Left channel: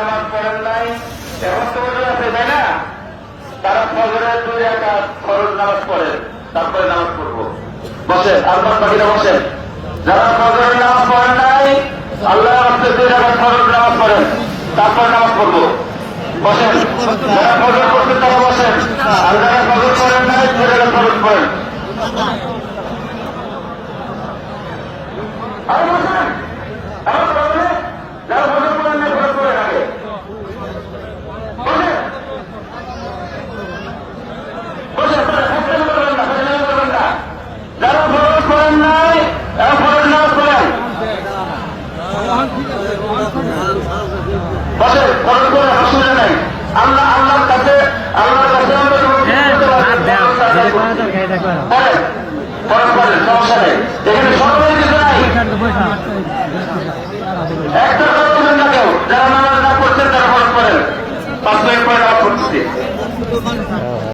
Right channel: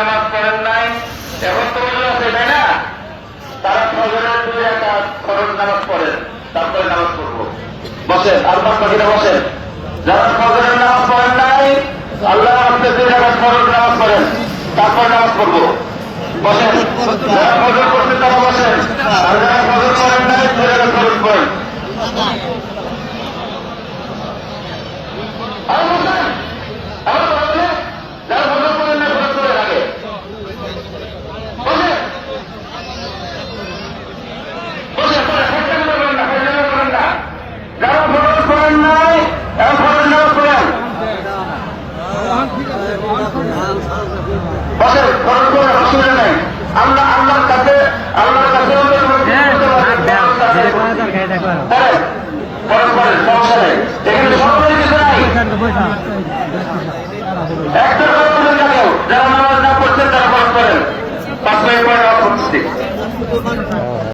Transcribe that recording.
নামাজ পড়েন নাই, এখন তো মনে হবে, তাই না? তারা ফজরের দুই একটা খরচ নামাজ পড়েন তারপরে নামাজ পড়ব। বসেন, আল্লাহ কবিরা বসেন, যারা ফজরের নামাজ পড়েন নাই, আল্লাহ আমাকে দুই একটা খরচ নামাজ পড়েন, তারপরে নামাজ পড়ব। বসেন, যারা ফজর করছেন তারা বসেন, আর যারা ফজর করেন নাই দুই একটা খরচ পড়েন। আর বসেন, আর বসেন যারা ফজর করেন নাই ফজর করে থাকে বসেন বসেন তারা সত্যি করবেন না সত্যি করবেন না যারা ফরজ করেন নাই ফরজ নামাজ পড়েন বসে ফরজ করে অসুবিধা নেই আল্লাহ আল্লাহর কাছে আল্লাহর কাছে আমরা করতে পারি না। বলেন ফরজ করেন সমস্যা নেই। এখানে সকলের কিছু নাই। একটা কথা না কেউ। যারা নামাজ না করছেন তারা করেন। পাঁচ মিনিট পরে নামাজ পড়তেছি।